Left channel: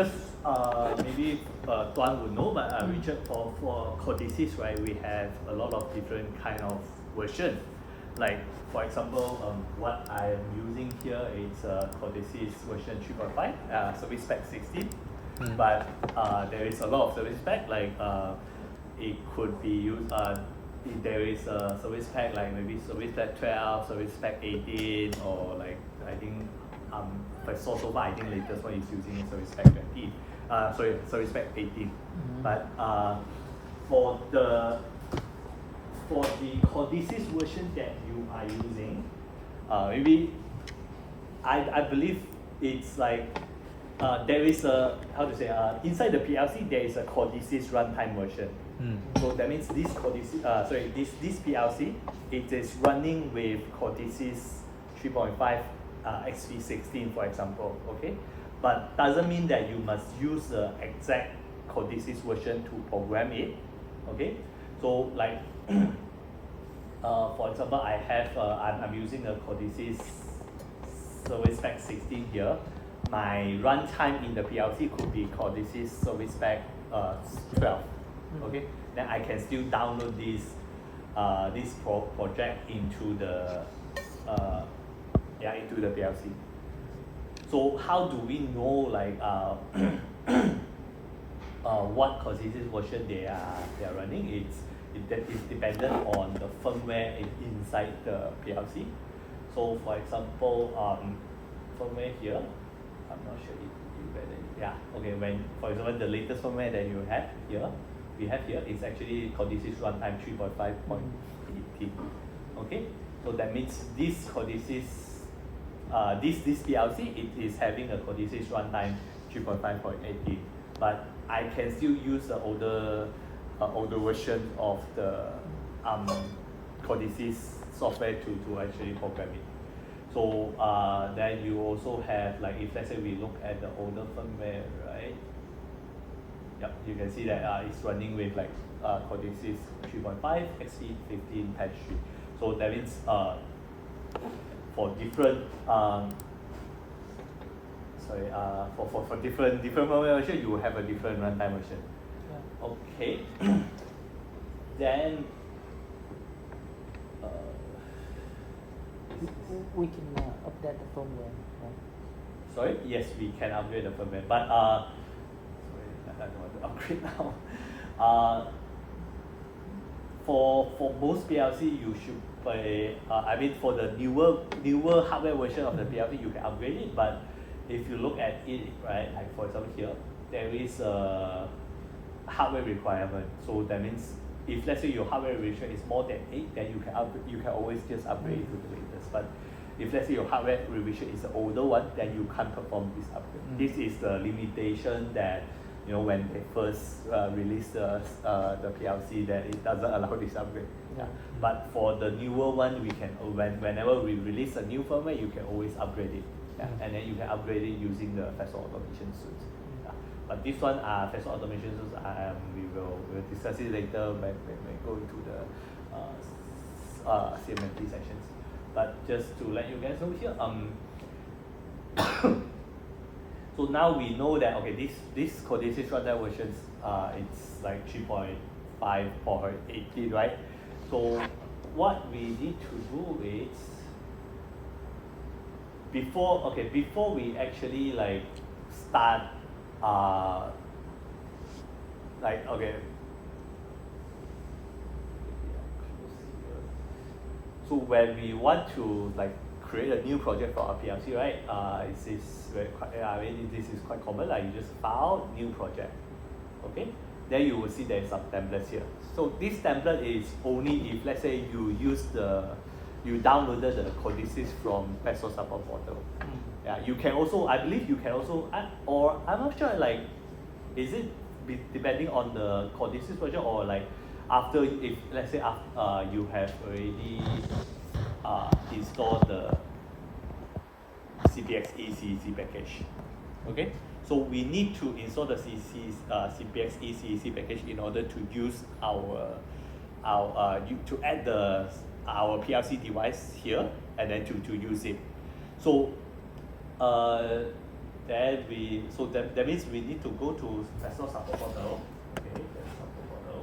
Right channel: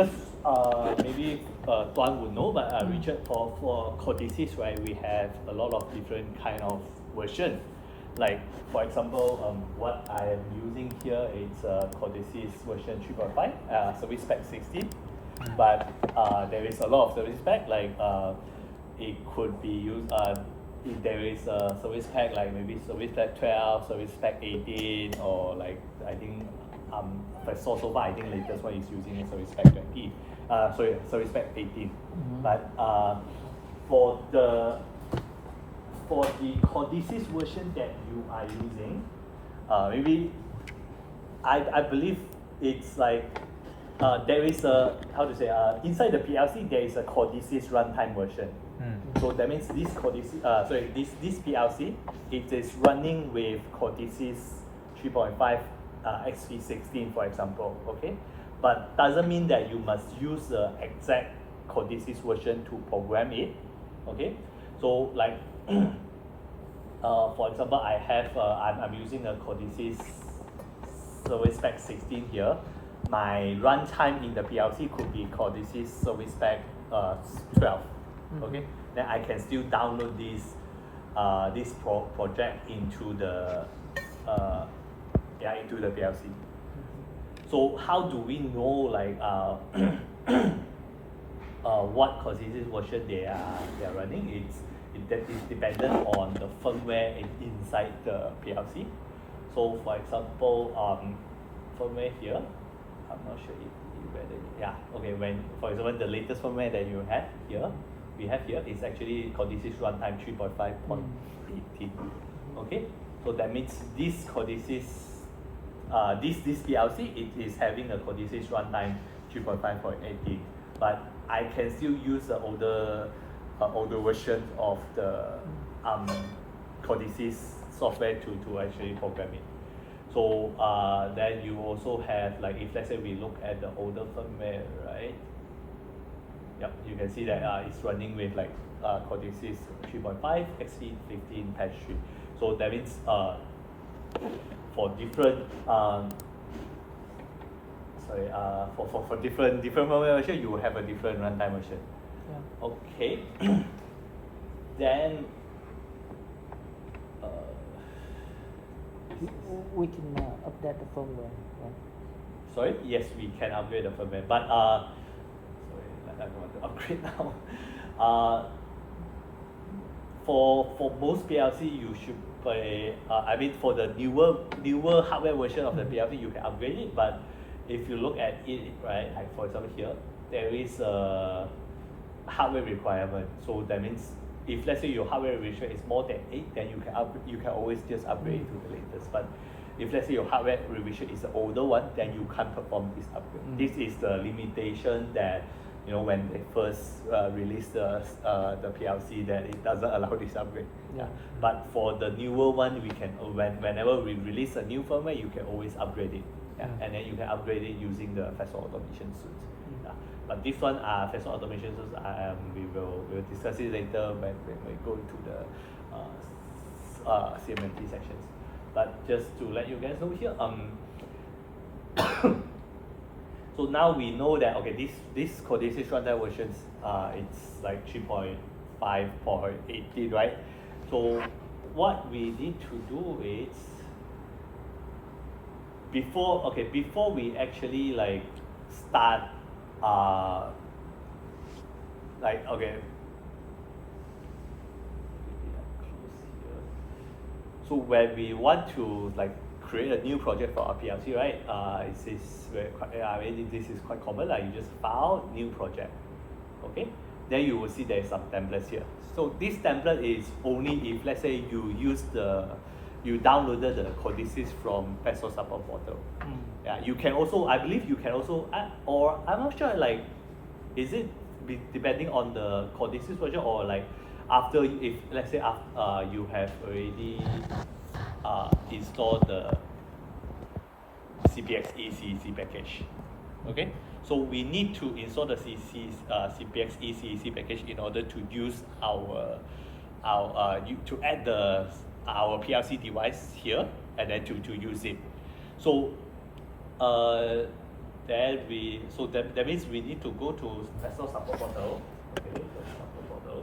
because maybe Tuan would know, but Richard, for codices, right, we have a lot of different kind of version. Like for example, what I'm using here is codices version 3.5, service pack 16. But there is a lot of service pack, like it could be used. If there is a service pack like maybe service pack 12, service pack 18, or like I think if I saw so far, I think latest one is using service pack 20. Service pack 18. But for the codices version that you are using, maybe I believe it's like there is a inside the PLC there is a codices runtime version. So that means this codices this PLC, it is running with codices 3.5 XP16 for example, okay? But doesn't mean that you must use the exact codices version to program it, okay? So like for example, I have I'm using a codices service pack 16 here. My runtime in the PLC could be codices service pack 12. Okay, then I can still download this project into the PLC. So how do we know like what codices version they are running? That is dependent on the firmware inside the PLC. So for example, firmware here, I'm not sure if you read it. Yeah, okay, when for example the latest firmware that you have here, we have here is actually codices runtime 3.5.18. Okay, so that means this codices this PLC, it is having a codices runtime 3.5.18, but I can still use the older version of the codices software to actually program it. So then you also have, like, if let's say we look at the older firmware, right? Yep, you can see that it's running with like codices 3.5 XP15-3. So that means for different for different firmware version, you will have a different runtime version. Okay. Then we can update the firmware. Right? Sorry, yes, we can upgrade the firmware, but sorry, I'm going to upgrade now. For most PLC, you should play. I mean, for the newer hardware version of the PLC, you can upgrade it. But if you look at it, right, like for example here, there is a hardware requirement. So that means if let's say your hardware revision is more than 8, then you can always just upgrade to the latest. But if let's say your hardware revision is an older one, then you can't perform this upgrade. This is the limitation that, you know, when they first released the PLC, that it doesn't allow this upgrade. Yeah. But for the newer one, we can whenever we release a new firmware, you can always upgrade it. Yeah. And then you can upgrade it using the Fastsource automation suite. Yeah. But this one, Fastsource automation suite, we'll discuss it later when we go into the CMMT sections. But just to let you guys know here, so now we know that, okay, this codices runtime versions, it's like 3.5 or 18, right? So what we need to do is before we actually like start so when we want to like create a new project for our PLC, right? This is quite common. Like you just file new project, okay? Then you will see there's some templates here. So this template is only if let's say you downloaded the codices from Fastsource support portal. Yeah, you can also, I believe you can also add, or I'm not sure, like, is it depending on the codices version, or like after, if let's say you have already installed the CPX ECEC package. Okay, so we need to install the CPX ECEC package in order to use to add our PLC device here, and then to use it. So Then that means we need to go to vessel support portal. Okay, vessel support portal.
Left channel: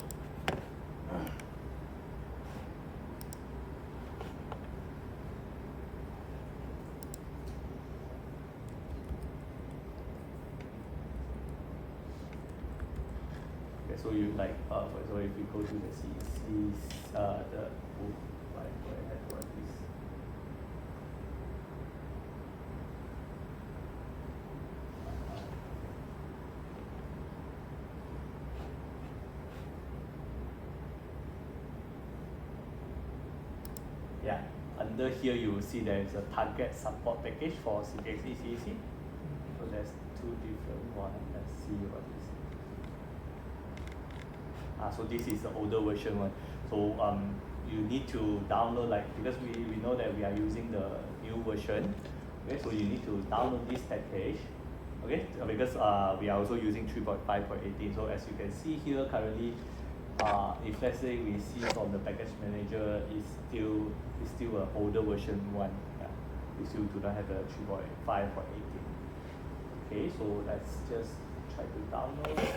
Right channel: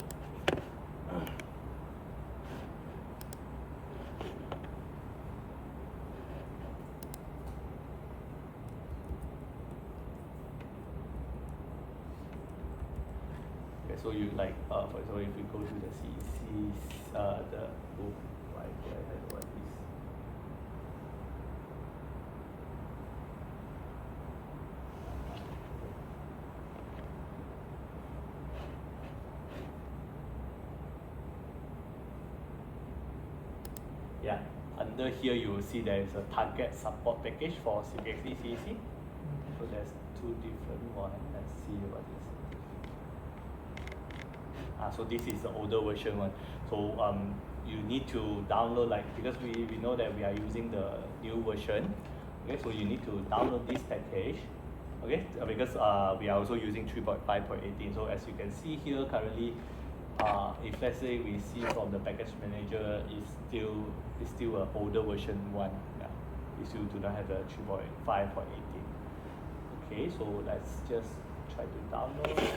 Okay, so you like so if you go to the CEC's the right there, that's what this. Yeah, under here you will see there is a target support package for CPXC CEC. So there's two different ones. Let's see what this. So this is the older version. So you need to download because we know that we are using the new version. Okay, so you need to download this package. Okay, because we are also using 3.5.18. So as you can see here currently, if let's say we see from the package manager is still an older version one. Yeah, we still do not have the 3.5 or 18. Okay, so let's just try to download it.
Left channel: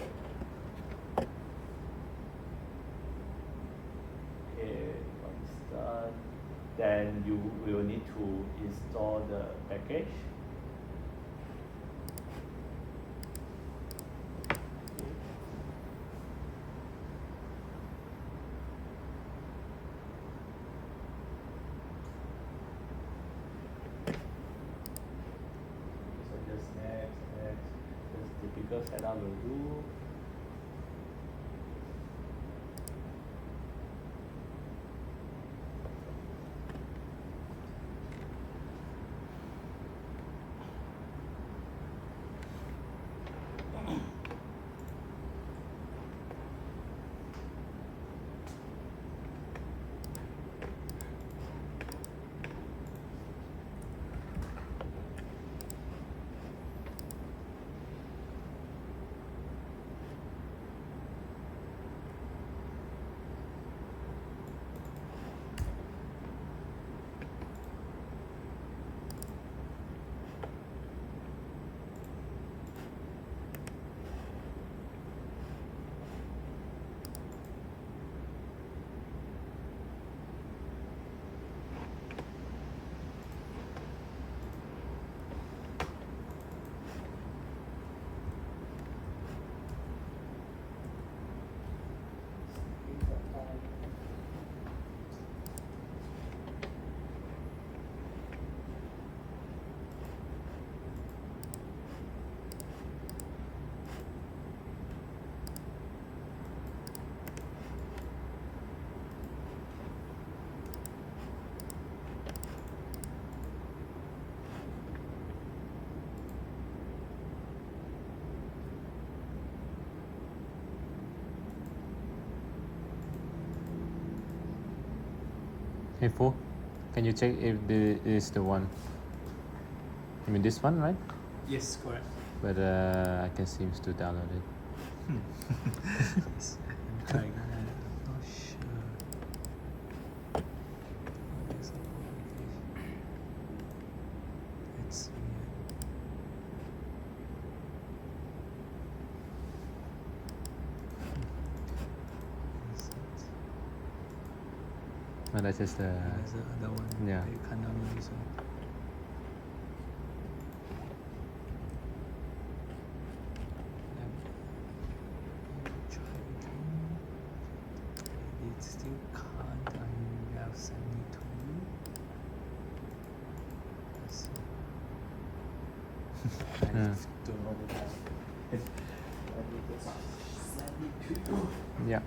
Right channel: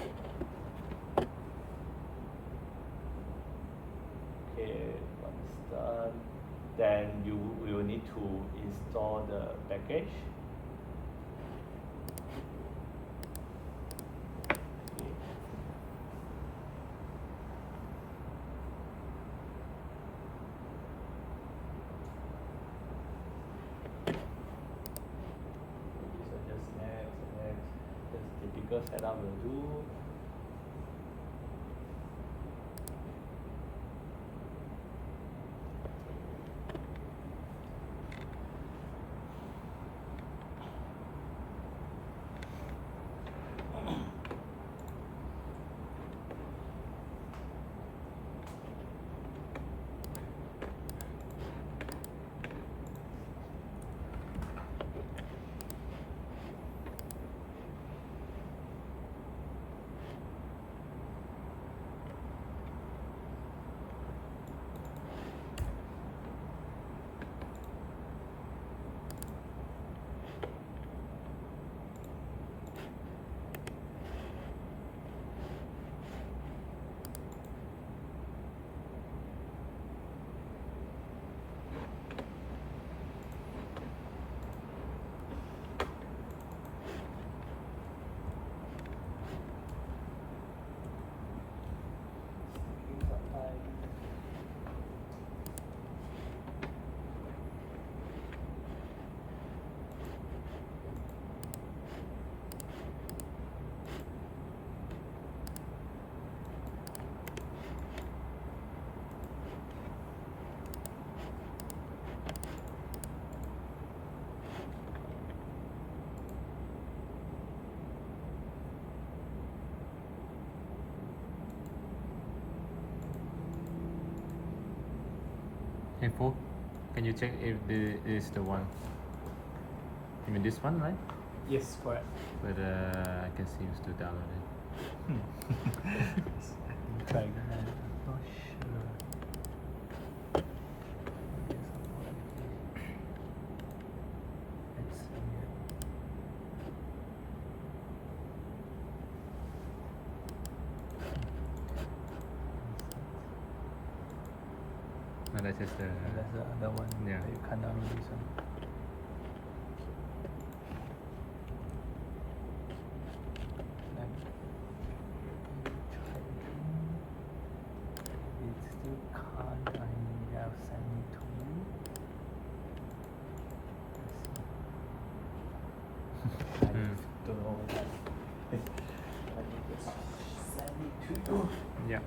Okay, once done, then you will need to install the package. Typical setup will do. Hey Fo, can you check if this is the one? I mean this one, right? Yes, correct. But I can seem to download it. Yes. I'm trying. I'm not sure. Okay, so let's see. No, that's just the. That's the other one. Yeah. You can't download this one. Then you try again. It still can't. I have sent it to you. Let's see. I don't know what that. Send it to you. Yeah.